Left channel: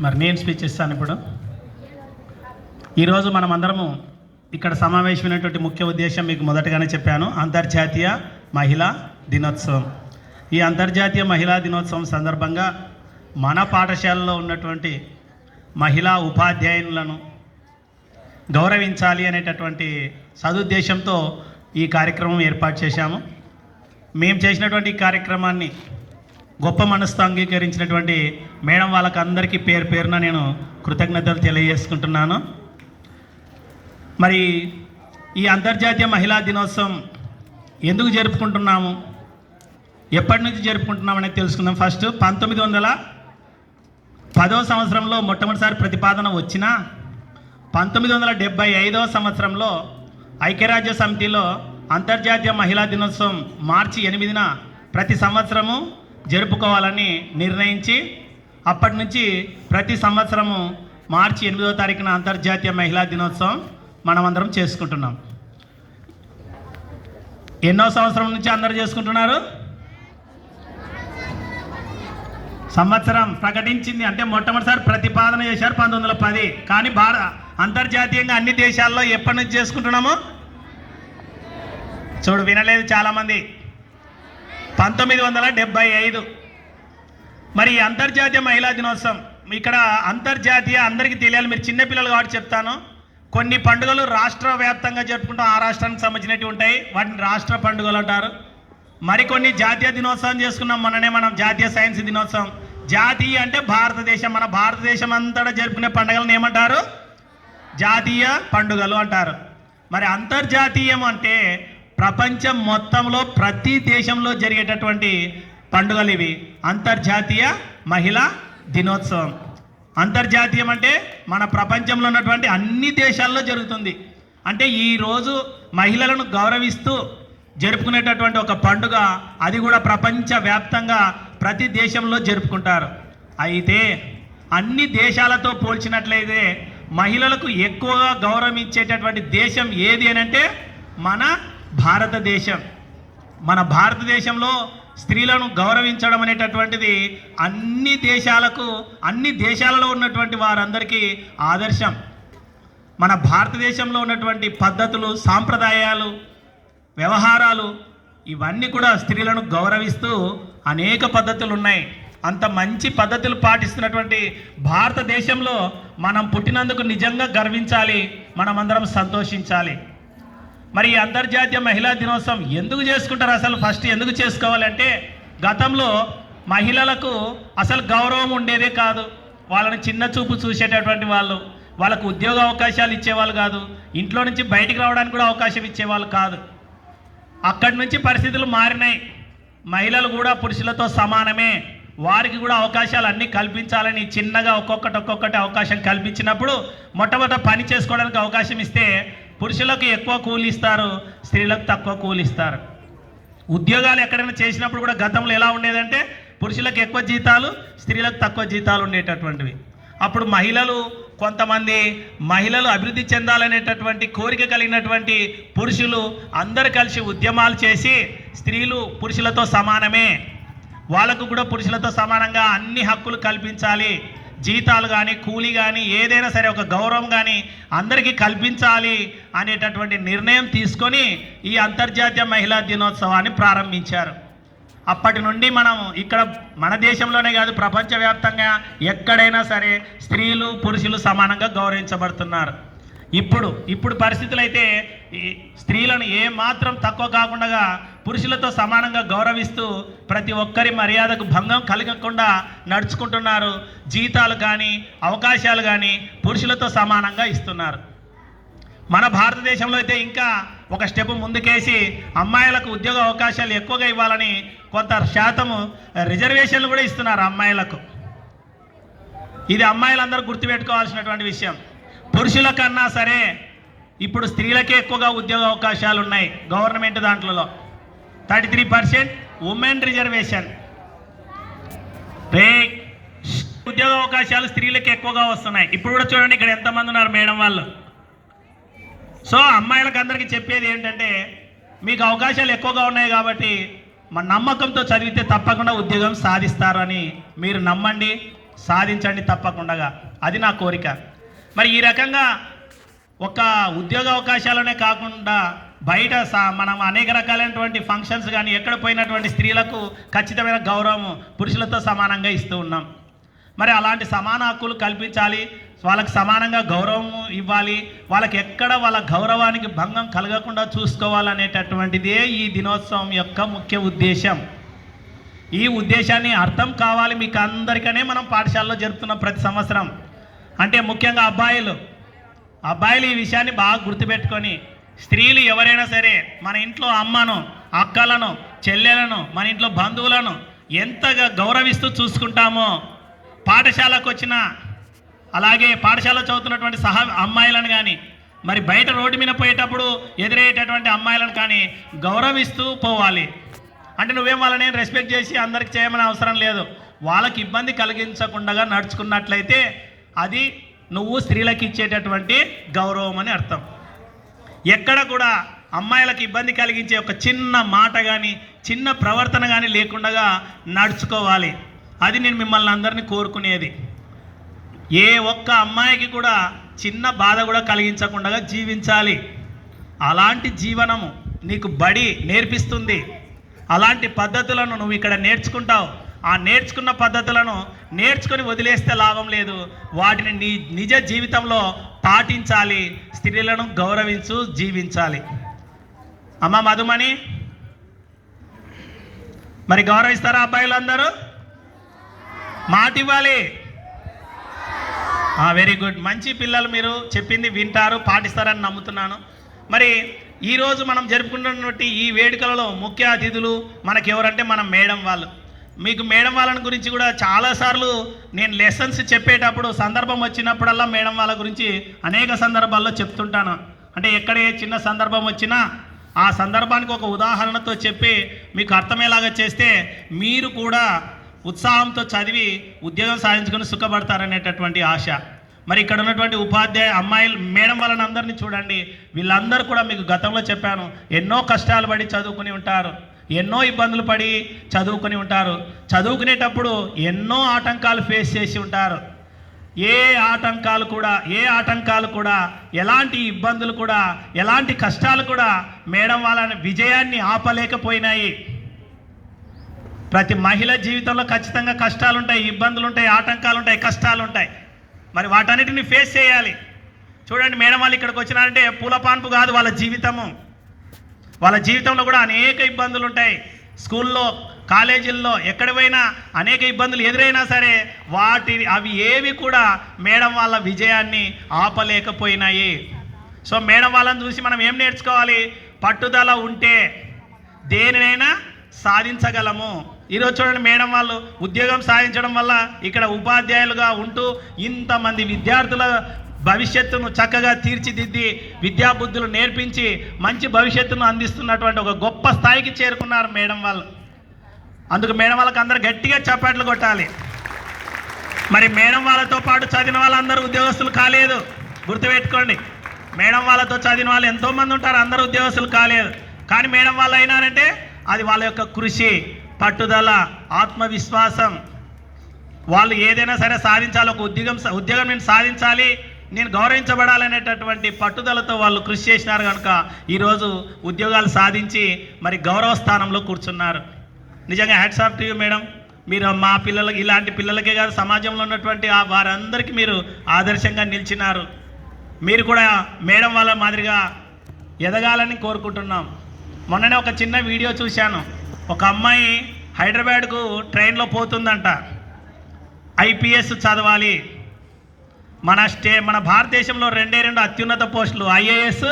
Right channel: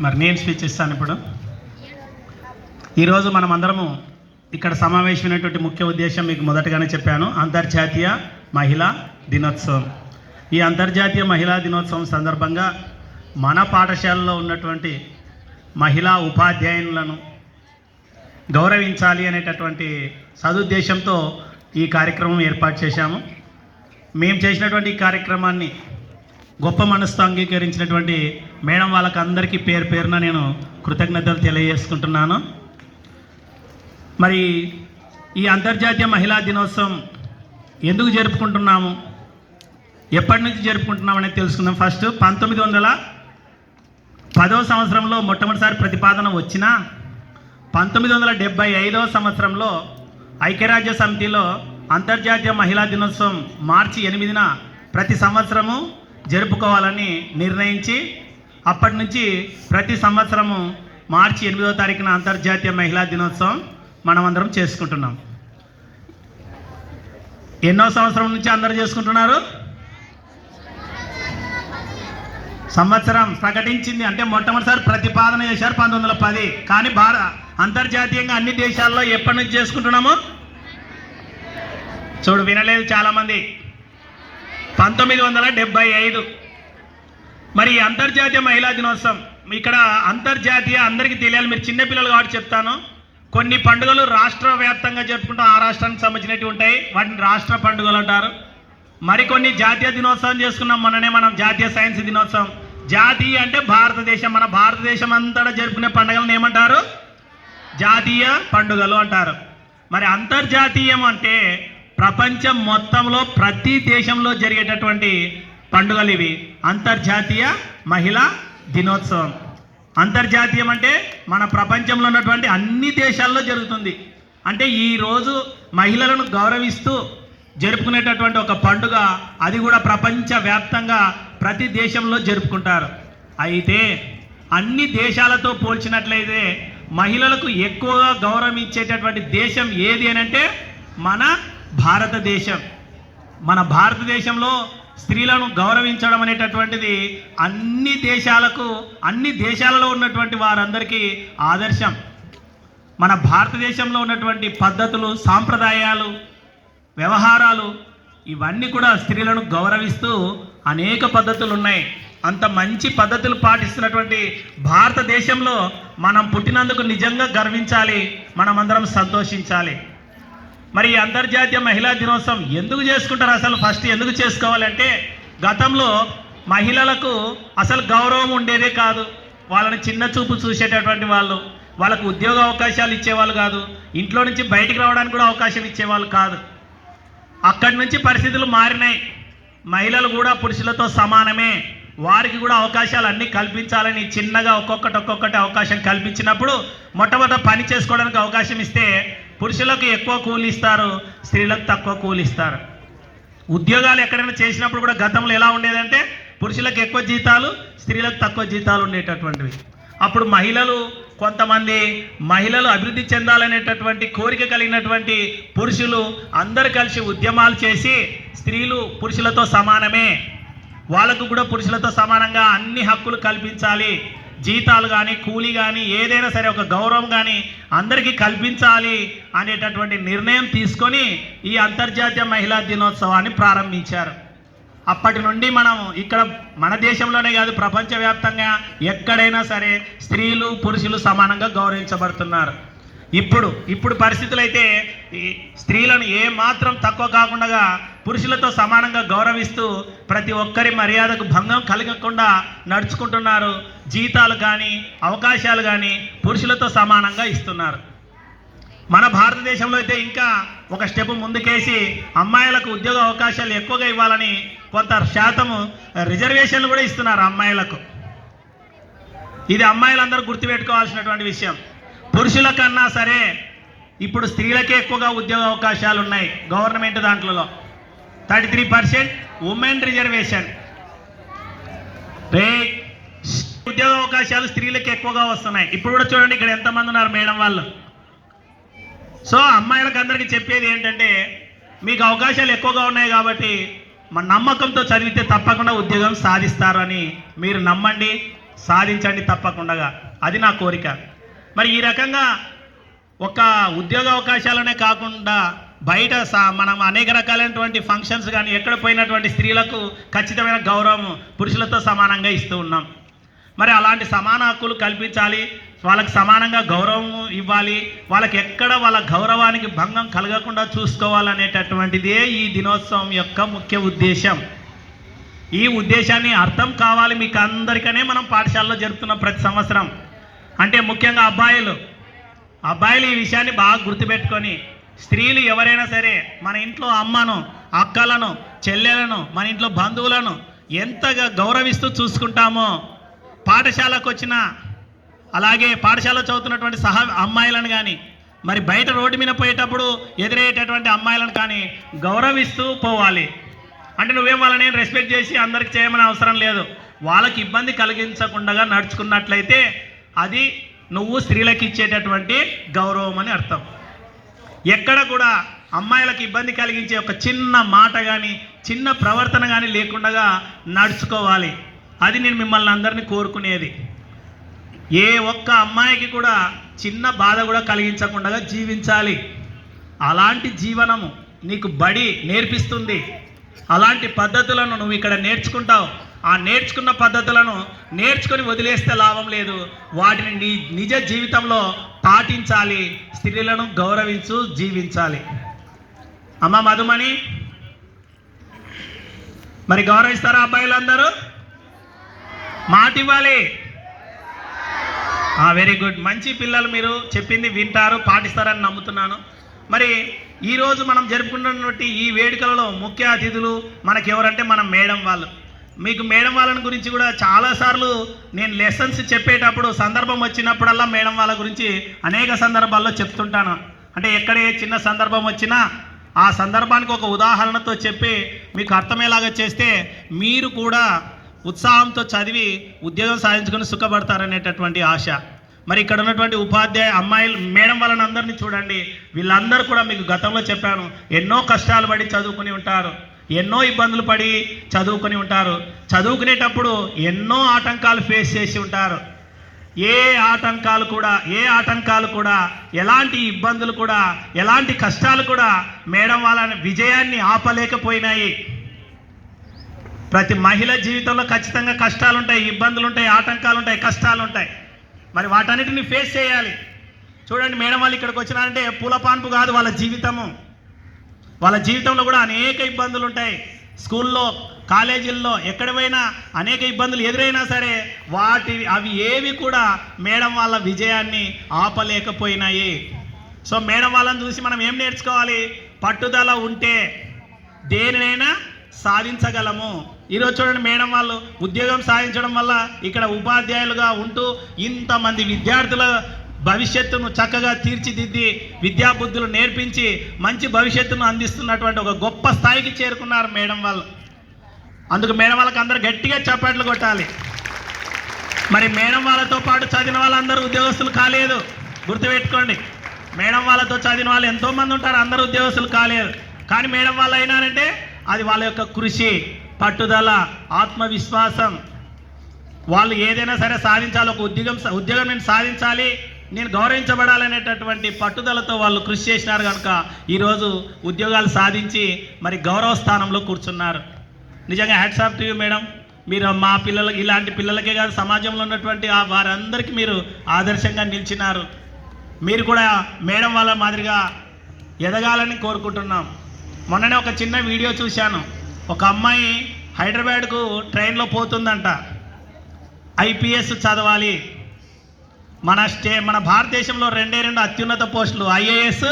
మరి నేను స్పీచ్ ఇస్తాను ఇప్పుడు. ఈరోజు మనం అందరము ఇక్కడ సమావేశమైనటువంటి ముఖ్య ఉద్దేశం మీకు మొదటగానే చెప్పాను అంతర్జాతీయ మహిళా దినోత్సవం. ఈ అంతర్జాతీయ మహిళా దినోత్సవం సందర్భంగా మన పాఠశాలలో ఉన్నటువంటి మహిళా ఉపాధ్యాయులను గౌరవించాలి అనేటటువంటి సదుద్దేశంతో ఈ కార్యక్రమం ఏర్పాటు చేశాము. మేము చేసినటువంటి ఈ కార్యక్రమాన్ని గొప్ప మనసుతో అంగీకరించినటువంటి మేడం వాళ్ళకి అందరికీ పేరు పేరున నేను కృతజ్ఞతలు తెలియజేసుకుంటున్నాను. మరి ఈ అంతర్జాతీయ మహిళా దినోత్సవం ఎందుకు జరుపుకుంటున్నాము? ఎప్పటి నుంచి జరుపుకుంటున్నాం అనేది తెలుసుకుందాం. ఫస్ట్ పంతొమ్మిది వందల పదో సంవత్సరంలో మొట్టమొదటిసారి ప్రతిపాదన వచ్చిన పంతొమ్మిది వందల డెబ్బై ఐదవ సంవత్సరంలో ఐక్యరాజ్య సమితిలో అంతర్జాతీయ మహిళా దినోత్సవం మార్చి ఎనిమిదిన ప్రతి సంవత్సరము జరుపుకోవాలని నిర్ణయించి అప్పటి నుంచి ప్రతి సంవత్సరము మార్చి ఎనిమిదో తారీఖున అంతర్జాతీయ మహిళా దినోత్సవం మనం అందరం చేసుకుంటున్నాం. ఎన్నో సంవత్సరం నుంచి అందరు చేసుకుంటున్నారు? సంవత్సరం ప్రకటించింది అంటే మొట్టమొదటిసారి ప్రతిపాదన చేశారు పంతొమ్మిది వందల పది. కానీ భార అంతర్జాతీయంగా అన్ని దేశాల్లో ఎప్పటి నుంచి చేసుకుంటున్నాము? చూడు వినలేదు చాలామంది. పంతొమ్మిది వందల డెబ్బై ఐదు. మరి అంతర్జాతీయ మహిళా దినోత్సవం ఇక్కడ అంతర్జాతీయ అందరికీ తెలియాలి మీరు చిన్నపిల్లలు కాబట్టి చెప్తాను. కొన్ని పండుగలు రాష్ట్ర వ్యాప్తంగా జరుపుకుంటాం ఆ రాష్ట్రానికి సంబంధించినవి ఉంటాయి వాటిని రాష్ట్ర పండుగలు అంటారు. మరికొన్ని జాతీయ దినోత్సవం చేసుకున్నాం మొన్ననే మనం జాతీయ సైన్స్ దినోత్సవం. జాతీయ అంటే భారతదేశం మన భారతదేశం అంతటా జరుపుకునే పండుగలను ఏమంటారు? జాతీయ పండుగలు అంటారు. మరి అంతర్జాతీయం అంటే ప్రపంచం మొత్తంలో ప్రతి దేశంలో జరిగేటటువంటి పండుగలు ఇవి. అంతర్జాతీయ మహిళా దినోత్సవం. అంతర్జాతీయం అంటే మన ప్రపంచంలో ఉన్నటువంటి అన్ని దేశాల్లో జరుగుతుంది. అంటే ఈరోజు మహిళలను గౌరవిస్తూ జరుపుకునేటటువంటి ఒక పండుగ అది కూడా ప్రపంచ వ్యాప్తంగా ప్రతి దేశంలో జరుపుకుంటారు. అయితే అన్ని దేశాలతో పోల్చినట్లయితే మహిళలకు ఎక్కువగా గౌరవం ఇచ్చేటటువంటి దేశం ఏది అని అంటే మన భారతదేశం. మన భారతదేశంలో స్త్రీలను గౌరవించడం అనేటటువంటిది అన్ని దేశాలకు అన్ని దేశాలలో ఉన్నటువంటి వారందరికీ ఆదర్శం. మన భారతదేశంలో ఉన్నటువంటి పద్ధతులు సాంప్రదాయాలు వ్యవహారాలు ఇవన్నీ కూడా స్త్రీలను గౌరవిస్తూ అనేక పద్ధతులు ఉన్నాయి. అంత మంచి పద్ధతులు పాటిస్తున్నటువంటి భారతదేశంలో మనం పుట్టినందుకు నిజంగా గర్వించాలి మనమందరం సంతోషించాలి. మరి అంతర్జాతీయ మహిళా దినోత్సవం ఎందుకు చేసుకుంటారు? అసలు ఫస్ట్ ఎందుకు చేసుకోవాలంటే గతంలో మహిళలకు అసలు గౌరవం ఉండేదే కాదు. వాళ్ళని చిన్న చూపు చూసేటటువంటి వాళ్ళు వాళ్ళకు ఉద్యోగ అవకాశాలు ఇచ్చేవాళ్ళు కాదు. ఇంట్లో నుంచి బయటికి రావడానికి కూడా అవకాశం ఇచ్చేవాళ్ళు కాదు. అక్కడి నుంచి పరిస్థితులు మారినాయి. మహిళలు కూడా పురుషులతో సమానమే. వారికి కూడా అవకాశాలు అన్నీ కల్పించాలని చిన్నగా ఒక్కొక్కటి ఒక్కొక్కటి అవకాశం కల్పించినప్పుడు మొట్టమొదట పని చేసుకోవడానికి అవకాశం ఇస్తే పురుషులకు ఎక్కువ కూలి ఇస్తారు స్త్రీలకు తక్కువ కూలి ఇస్తారు. ఉద్యోగాలు ఎక్కడైనా చేసినప్పుడు కూడా గతంలో ఎలా ఉండేదంటే పురుషులకు ఎక్కువ జీతాలు స్త్రీలకు తక్కువ జీతాలు ఉండేటటువంటివి. అప్పుడు మహిళలు కొంతమంది మహిళలు అభివృద్ధి చెందాలనేటటువంటి కోరిక కలిగినటువంటి పురుషులు అందరు కలిసి ఉద్యమాలు చేసి స్త్రీలు పురుషులతో సమానమే. వాళ్ళకు కూడా పురుషులతో సమానంగా అన్ని హక్కులు కల్పించాలి. జీతాలు కానీ కూలి కానీ ఏదైనా సరే ఒక గౌరవం కానీ అందరికీ కల్పించాలి అనేటటువంటి నిర్ణయం తీసుకొని ఈ అంతర్జాతీయ మహిళా దినోత్సవాన్ని ప్రారంభించారు. అప్పటి నుండి మనం ఇక్కడ మన దేశంలోనే కాదు ప్రపంచవ్యాప్తంగా ఎక్కడైనా సరే స్త్రీలు పురుషులు సమానంగా గౌరవించబడుతున్నారు. ఇప్పుడు ఇప్పుడు పరిస్థితులు అయితే ఈ స్త్రీలను ఏమాత్రం తక్కువ కాకుండా పురుషులతో సమానంగా గౌరవిస్తూ ప్రతి ఒక్కరి మర్యాదకు భంగం కలగకుండా నడుచుకుంటున్నారు. జీతాలు కానీ అవకాశాలు కానీ పురుషులతో సమానంగా ఇస్తున్నారు. మన భారతదేశంలో అయితే ఇంకా ఒక స్టెప్ ముందుకేసి అమ్మాయిలకు ఉద్యోగ అవకాశాలు ఎక్కువగా ఇవ్వాలని కొంత శాతము రిజర్వేషన్లు కూడా ఇస్తున్నారు అమ్మాయిలకు. ఇది అమ్మాయిలందరూ గుర్తుపెట్టుకోవాల్సినటువంటి విషయం. పురుషుల కన్నా సరే ఇప్పుడు స్త్రీలకే ఎక్కువగా ఉద్యోగ అవకాశాలు ఉన్నాయి గవర్నమెంట్ దాంట్లో thirty three percent women reservation రే ఉద్యోగ అవకాశాలు స్త్రీలకు ఎక్కువగా వస్తున్నాయి. ఇప్పుడు కూడా చూడండి ఇక్కడ ఎంతమంది ఉన్నారు మేడం వాళ్ళు. సో అమ్మాయిలకు అందరికీ చెప్పేది ఏంటంటే మీకు అవకాశాలు ఎక్కువగా ఉన్నాయి కాబట్టి మన నమ్మకంతో చదివితే తప్పకుండా ఉద్యోగం సాధిస్తారని మీరు నమ్మండి సాధించండి తప్పకుండా. అది నా కోరిక. మరి ఈ రకంగా ఒక ఉద్యోగ అవకాశాలనే కాకుండా బయట సా మనం అనేక రకాలైనటువంటి ఫంక్షన్స్ కానీ ఎక్కడ పోయినటువంటి స్త్రీలకు ఖచ్చితమైన గౌరవం పురుషులతో సమానంగా ఇస్తూ ఉన్నాం. మరి అలాంటి సమాన హక్కులు కల్పించాలి వాళ్ళకి సమానంగా గౌరవం ఇవ్వాలి వాళ్ళకి ఎక్కడ వాళ్ళ గౌరవానికి భంగం కలగకుండా చూసుకోవాలనేటటువంటిదే ఈ దినోత్సవం యొక్క ముఖ్య ఉద్దేశం. ఈ ఉద్దేశాన్ని అర్థం కావాలి మీకు అందరికనే మనం పాఠశాలలో జరుపుతున్నాం ప్రతి సంవత్సరం. అంటే ముఖ్యంగా అబ్బాయిలు అబ్బాయిలు ఈ విషయాన్ని బాగా గుర్తుపెట్టుకొని స్త్రీలు ఎవరైనా సరే మన ఇంట్లో అమ్మను అక్కలను చెల్లెలను మన ఇంట్లో బంధువులను ఎంతగా గౌరవిస్తూ చూసుకుంటామో పాఠశాలకు వచ్చిన అలాగే పాఠశాల చదువుతున్నటువంటి సహా అమ్మాయిలను కానీ మరి బయట రోడ్డు మీద పోయేటప్పుడు ఎదురయ్యేటటువంటి అమ్మాయిలను కానీ గౌరవిస్తూ పోవాలి. అంటే నువ్వేం వాళ్ళని రెస్పెక్ట్ చేసి అందరికి చేయమని అవసరం లేదు. వాళ్ళకి ఇబ్బంది కలిగించకుండా నడుచుకున్నట్లయితే అది నువ్వు స్త్రీలకు ఇచ్చేటటువంటి గౌరవం అని అర్థం. ఎక్కడ కూడా అమ్మాయిలకు ఇబ్బంది కలిగించే ఒక చిన్న మాట కానీ చిన్న ప్రవర్తన కానీ లేకుండా నడుచుకోవాలి. అది నేను మిమ్మల్ని అందరినీ కోరుకునేది. ఏ ఒక్క అమ్మాయికి కూడా చిన్న బాధ కూడా కలిగించకుండా జీవించాలి. అలాంటి జీవనము నీకు బడి నేర్పిస్తుంది. అలాంటి పద్ధతులను నువ్వు ఇక్కడ నేర్చుకుంటావు. ఆ నేర్చుకున్న పద్ధతులను నేర్చుకొని వదిలేస్తే లాభం లేదు. వాటిని నీ నిజ జీవితంలో పాటించాలి. స్త్రీలను గౌరవించు జీవించాలి. అమ్మ మధుమణి మరి గౌరవిస్తారా అబ్బాయిలు అందరూ మాట ఇవ్వాలి. వెరీ గుడ్ మంచి పిల్లలు మీరు చెప్పింది వింటారు పాటిస్తారని నమ్ముతున్నాను. మరి ఈరోజు మనం జరుపుకుంటున్నటువంటి ఈ వేడుకలలో ముఖ్య అతిథులు మనకెవరంటే మన మేడం వాళ్ళు. మీకు మేడం వాళ్ళని గురించి కూడా చాలాసార్లు నేను లెసన్స్ చెప్పేటప్పుడు సందర్భం వచ్చినప్పుడల్లా మేడం వాళ్ళ గురించి అనేక సందర్భాల్లో చెప్తుంటాను. అంటే ఎక్కడ ఏ చిన్న సందర్భం వచ్చినా ఆ సందర్భానికి ఒక ఉదాహరణతో చెప్పి మీకు అర్థమయ్యేలాగా చేస్తే మీరు కూడా ఉత్సాహంతో చదివి ఉద్యోగం సాధించుకొని సుఖపడతారనేటటువంటి ఆశ. మరి ఇక్కడ ఉన్నటువంటి ఉపాధ్యాయ అమ్మాయిలు మేడం వాళ్ళని అందరినీ చూడండి. వీళ్ళందరూ కూడా మీకు గతంలో చెప్పాను ఎన్నో కష్టాలు పడి చదువుకుని ఉంటారు. ఎన్నో ఇబ్బందులు పడి చదువుకుని ఉంటారు. చదువుకునేటప్పుడు ఎన్నో ఆటంకాలు ఫేస్ చేసి ఉంటారు. ఏ ఆటంకాలు కూడా ఏ ఆటంకాలు కూడా ఎలాంటి ఇబ్బందులు కూడా ఎలాంటి కష్టాలు కూడా మేడం వాళ్ళ విజయాన్ని ఆపలేకపోయినాయి. ప్రతి మహిళ జీవితంలో ఖచ్చితంగా కష్టాలు ఉంటాయి ఇబ్బందులు ఉంటాయి ఆటంకాలు ఉంటాయి కష్టాలు ఉంటాయి. మరి వాటన్నిటిని ఫేస్ చేయాలి. చూడండి మేడం వాళ్ళు ఇక్కడికి వచ్చినారంటే పూల పాన్పు కాదు వాళ్ళ జీవితము. వాళ్ళ జీవితంలో కూడా అనేక ఇబ్బందులు ఉంటాయి. స్కూల్లో కాలేజీల్లో ఎక్కడ పోయినా అనేక ఇబ్బందులు ఎదురైనా సరే వాటి అవి ఏవి కూడా మేడం వాళ్ళ విజయాన్ని ఆపలేకపోయినాయి. సో మేడం వాళ్ళని చూసి మనం ఏం నేర్చుకోవాలి? పట్టుదల ఉంటే దేనినైనా సాధించగలము. ఈరోజు చూడండి మేడం వాళ్ళు ఉద్యోగం సాధించడం వల్ల ఇక్కడ ఉపాధ్యాయులుగా ఉంటూ ఇంతమంది విద్యార్థుల భవిష్యత్తును చక్కగా తీర్చిదిద్ది విద్యాబుద్ధులు నేర్పించి మంచి భవిష్యత్తును అందిస్తున్నటువంటి ఒక గొప్ప స్థాయికి చేరుకున్నారు మేడం వాళ్ళు. అందుకు మేడం వాళ్ళకి అందరు గట్టిగా చప్పట్లు కొట్టాలి. మరి మేడం వాళ్ళతో పాటు చదివిన వాళ్ళందరూ ఉద్యోగస్తులు కాలేదు. గుర్తుపెట్టుకోండి. మేడం వాళ్ళతో చదివిన వాళ్ళు ఎంతోమంది ఉంటారు అందరూ ఉద్యోగస్తులు కాలేదు. కానీ మేడం వాళ్ళు అయినారంటే అది వాళ్ళ యొక్క కృషి పట్టుదల ఆత్మవిశ్వాసం. వాళ్ళు ఏదైనా సరే సాధించాలి ఒక ఉద్యోగం ఉద్యోగం నేను సాధించాలి నేను గౌరవించబడాలనేటటువంటి పట్టుదలతో వాళ్ళు కృషి చేసినారు కనుక ఈరోజు ఉద్యోగాలు సాధించి మరి గౌరవ స్థానంలో కూర్చున్నారు. నిజంగా hats off to you madam మీరు మా పిల్లలకి ఇలాంటి పిల్లలకే కాదు సమాజంలో ఉన్నటువంటి వారందరికీ మీరు ఆదర్శంగా నిలిచినారు. మీరు కూడా మేడం వాళ్ళ మాదిరిగా ఎదగాలని కోరుకుంటున్నాం. మొన్ననే ఒక చిన్న వీడియో చూశాను. ఒక అమ్మాయి హైదరాబాద్కు ట్రైన్లో పోతుందంట. ఐపీఎస్ చదవాలి. మన స్టే మన భారతదేశంలో రెండే రెండు అత్యున్నత పోస్టులు ఐఏఎస్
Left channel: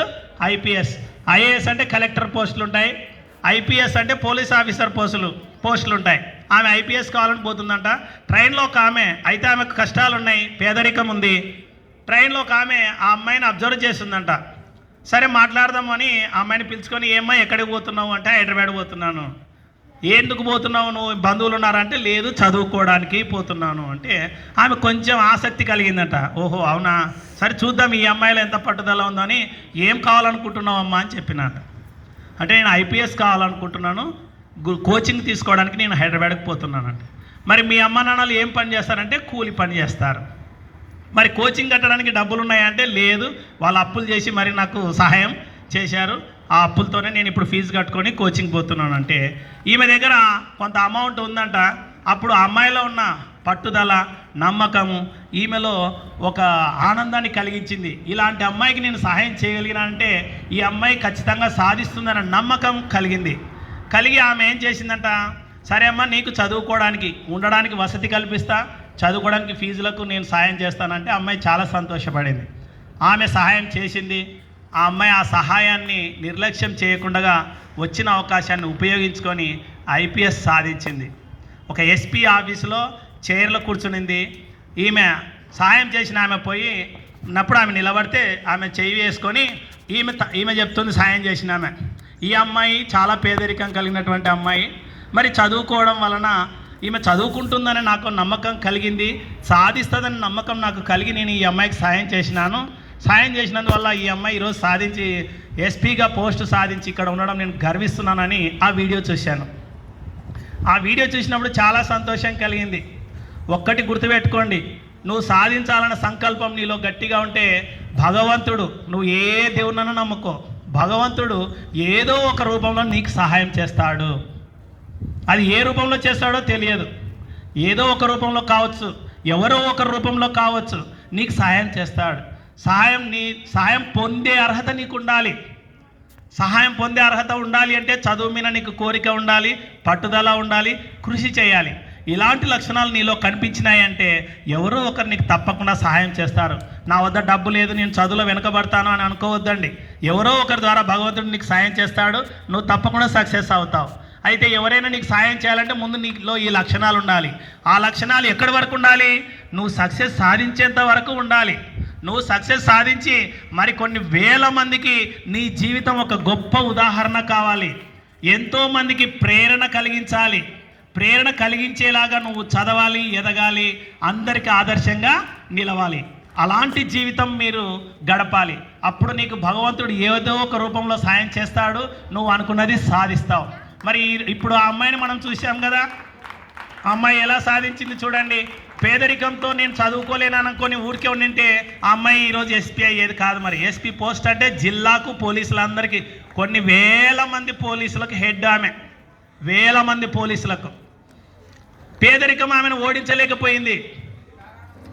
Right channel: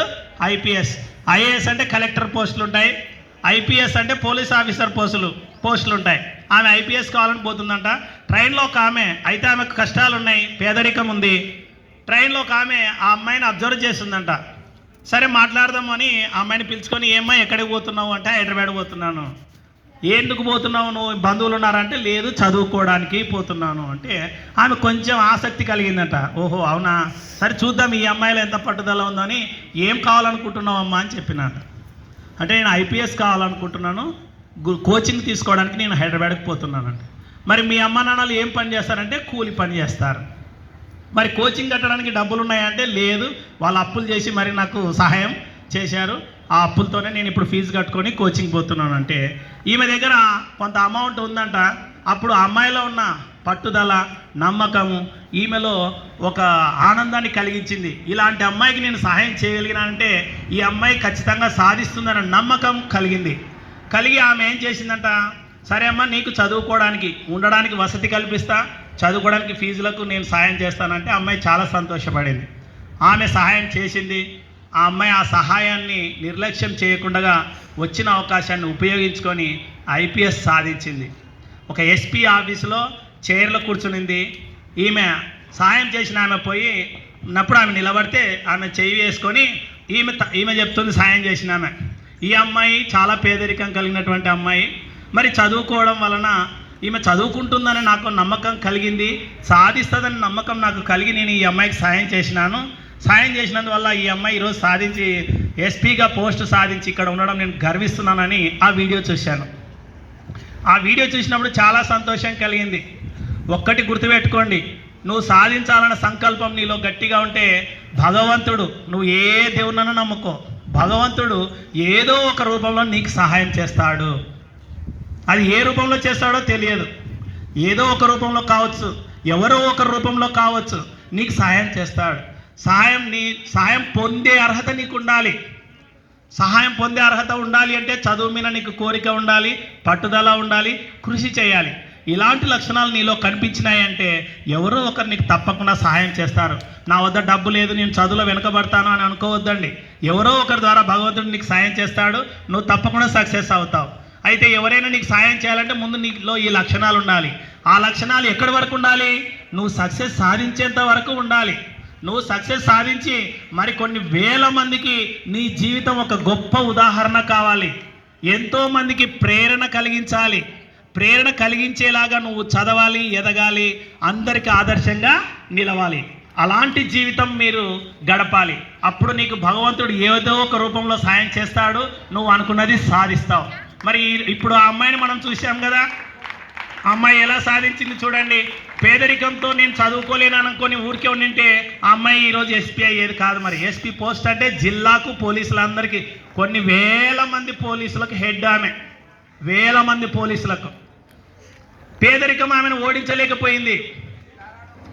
ఐపీఎస్. ఐఏఎస్ అంటే కలెక్టర్ పోస్టులు ఉంటాయి ఐపీఎస్ అంటే పోలీస్ ఆఫీసర్ పోస్టులు పోస్టులు ఉంటాయి ఆమె ఐపీఎస్ కావాలని పోతుందంట. ట్రైన్లో ఒక ఆమె అయితే ఆమెకు కష్టాలు ఉన్నాయి పేదరికం ఉంది. ట్రైన్లో ఒక ఆమె ఆ అమ్మాయిని అబ్జర్వ్ చేసిందంట సరే మాట్లాడదామని ఆ అమ్మాయిని పిలుచుకొని ఏమ్మా ఎక్కడికి పోతున్నావు? అంటే హైదరాబాద్ పోతున్నాను. ఎందుకు పోతున్నావు? నువ్వు బంధువులు ఉన్నారంటే లేదు చదువుకోవడానికి పోతున్నాను. అంటే ఆమె కొంచెం ఆసక్తి కలిగిందంట. ఓహో అవునా? సరే చూద్దాం ఈ అమ్మాయిలో ఎంత పట్టుదల ఉందని ఏం కావాలనుకుంటున్నావు అమ్మా? అని చెప్పినాను. అంటే నేను ఐపీఎస్ కావాలనుకుంటున్నాను. కోచింగ్ తీసుకోవడానికి నేను హైదరాబాద్కి పోతున్నానంట. మరి మీ అమ్మ నాన్నలు ఏం పని చేస్తారంటే కూలి పని చేస్తారు. మరి కోచింగ్ కట్టడానికి డబ్బులు ఉన్నాయంటే లేదు వాళ్ళు అప్పులు చేసి మరి నాకు సహాయం చేశారు. ఆ అప్పులతోనే నేను ఇప్పుడు ఫీజు కట్టుకొని కోచింగ్ పోతున్నాను. అంటే ఈమె దగ్గర కొంత అమౌంట్ ఉందంట. అప్పుడు అమ్మాయిలో ఉన్న పట్టుదల నమ్మకము ఈమెలో ఒక ఆనందాన్ని కలిగించింది. ఇలాంటి అమ్మాయికి నేను సహాయం చేయగలిగిన అంటే ఈ అమ్మాయి ఖచ్చితంగా సాధిస్తుందన్న నమ్మకం కలిగింది. కలిగి ఆమె ఏం చేసిందంట? సరే అమ్మా నీకు చదువుకోవడానికి ఉండడానికి వసతి కల్పిస్తా. చదువుకోవడానికి ఫీజులకు నేను సహాయం చేస్తానంటే అమ్మాయి చాలా సంతోషపడింది. ఆమె సహాయం చేసింది. ఆ అమ్మాయి ఆ సహాయాన్ని నిర్లక్ష్యం చేయకుండా వచ్చిన అవకాశాన్ని ఉపయోగించుకొని ఐపీఎస్ సాధించింది. ఒక ఎస్పీ ఆఫీసులో చైర్లో కూర్చునింది. ఈమె సాయం చేసిన ఆమె పోయి ఉన్నప్పుడు ఆమె నిలబడితే ఆమె చేయి వేసుకొని ఈమె త- ఈమె చెప్తుంది సాయం చేసిన ఆమె. ఈ అమ్మాయి చాలా పేదరికం కలిగినటువంటి అమ్మాయి. మరి చదువుకోవడం వలన ఈమె చదువుకుంటుందని నాకు నమ్మకం కలిగింది. సాధిస్తుందని నమ్మకం నాకు కలిగి నేను ఈ అమ్మాయికి సాయం చేసినాను. సాయం చేసినందువల్ల ఈ అమ్మాయి ఈరోజు సాధించి ఎస్పీగా పోస్ట్ సాధించి ఇక్కడ ఉండడం నేను గర్విస్తున్నానని ఆ వీడియో చూశాను. ఆ వీడియో చూసినప్పుడు చాలా సంతోషం కలిగింది. ఒక్కటి గుర్తుపెట్టుకోండి నువ్వు సాధించాలన్న సంకల్పం నీలో గట్టిగా ఉంటే భగవంతుడు నువ్వు ఏ దేవునన్నా నమ్ముకో. భగవంతుడు ఏదో ఒక రూపంలో నీకు సహాయం చేస్తాడు. అది ఏ రూపంలో చేస్తాడో తెలియదు. ఏదో ఒక రూపంలో కావచ్చు ఎవరో ఒక రూపంలో కావచ్చు నీకు సహాయం చేస్తాడు. సహాయం నీ సహాయం పొందే అర్హత నీకు ఉండాలి సహాయం పొందే అర్హత ఉండాలి అంటే చదువు మీద నీకు కోరిక ఉండాలి పట్టుదల ఉండాలి కృషి చేయాలి. ఇలాంటి లక్షణాలు నీలో కనిపించినాయంటే ఎవరో ఒకరు నీకు తప్పకుండా సహాయం చేస్తారు. నా వద్ద డబ్బు లేదు నేను చదువులో వెనకబడతాను అని అనుకోవద్దండి. ఎవరో ఒకరి ద్వారా భగవంతుడు నీకు సాయం చేస్తాడు నువ్వు తప్పకుండా సక్సెస్ అవుతావు. అయితే ఎవరైనా నీకు సాయం చేయాలంటే ముందు నీలో ఈ లక్షణాలు ఉండాలి. ఆ లక్షణాలు ఎక్కడి వరకు ఉండాలి? నువ్వు సక్సెస్ సాధించేంత వరకు ఉండాలి. నువ్వు సక్సెస్ సాధించి మరి కొన్ని వేల మందికి నీ జీవితం ఒక గొప్ప ఉదాహరణ కావాలి. ఎంతో మందికి ప్రేరణ కలిగించాలి. ప్రేరణ కలిగించేలాగా నువ్వు చదవాలి ఎదగాలి అందరికీ ఆదర్శంగా నిలవాలి. అలాంటి జీవితం మీరు గడపాలి. అప్పుడు నీకు భగవంతుడు ఏదో ఒక రూపంలో సాయం చేస్తాడు. నువ్వు అనుకున్నది సాధిస్తావు. మరి ఇప్పుడు ఆ అమ్మాయిని మనం చూసాం కదా అమ్మాయి ఎలా సాధించింది చూడండి. పేదరికంతో నేను చదువుకోలేను అనుకొని ఊరికే ఉండింటే ఆ అమ్మాయి ఈరోజు ఎస్పీ అయ్యేది కాదు మరి. ఎస్పీ పోస్ట్ అంటే జిల్లాకు పోలీసులందరికీ కొన్ని వేల మంది పోలీసులకు హెడ్ ఆమె. వేల మంది పోలీసులకు. పేదరికం ఆమెను ఓడించలేకపోయింది.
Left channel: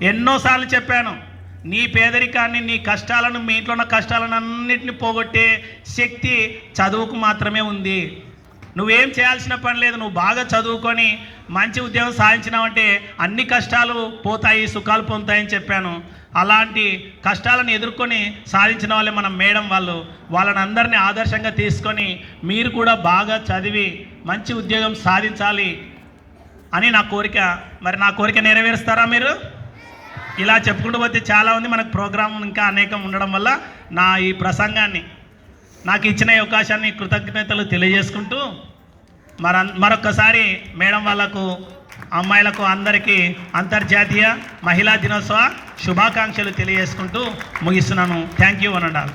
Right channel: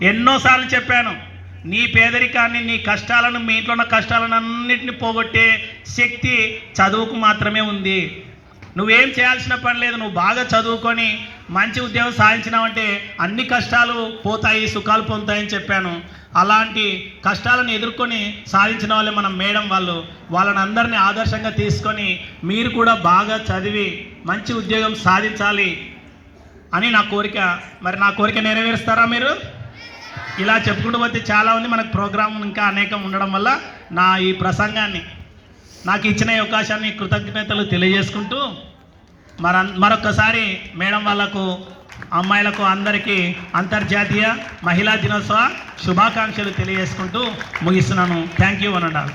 ఎన్నోసార్లు చెప్పాను నీ పేదరికాన్ని నీ కష్టాలను మీ ఇంట్లో ఉన్న కష్టాలను అన్నింటిని పోగొట్టే శక్తి చదువుకు మాత్రమే ఉంది. నువ్వేం చేయాల్సిన పని లేదు నువ్వు బాగా చదువుకొని మంచి ఉద్యోగం సాధించినామంటే అన్ని కష్టాలు పోతాయి సుఖాలు పొందుతాయని చెప్పాను. అలాంటి కష్టాలను ఎదుర్కొని సాధించిన వాళ్ళే మనం మేడం వాళ్ళు. వాళ్ళని అందరినీ ఆదర్శంగా తీసుకొని మీరు కూడా బాగా చదివి మంచి ఉద్యోగం సాధించాలి అని నా కోరిక. మరి నా కోరిక నెరవేరుస్తారా మీరు? ఇలా చెప్పుకుంటూ పోతే చాలా ఉంది మనకు ప్రోగ్రాం ఇంకా అనేకం ఉండడం వల్ల నా ఈ ప్రసంగాన్ని నాకు ఇచ్చిన అవకాశాన్ని కృతజ్ఞతలు తెలియజేసుకుంటూ మర మరొకసారి మేడం వాళ్ళకు అమ్మాయిలకు అందరికీ అంతర్జాతీయ మహిళా దినోత్సవ శుభాకాంక్షలు తెలియజేసుకుంటూ ముగిస్తున్నాను. Thank you అనండాలి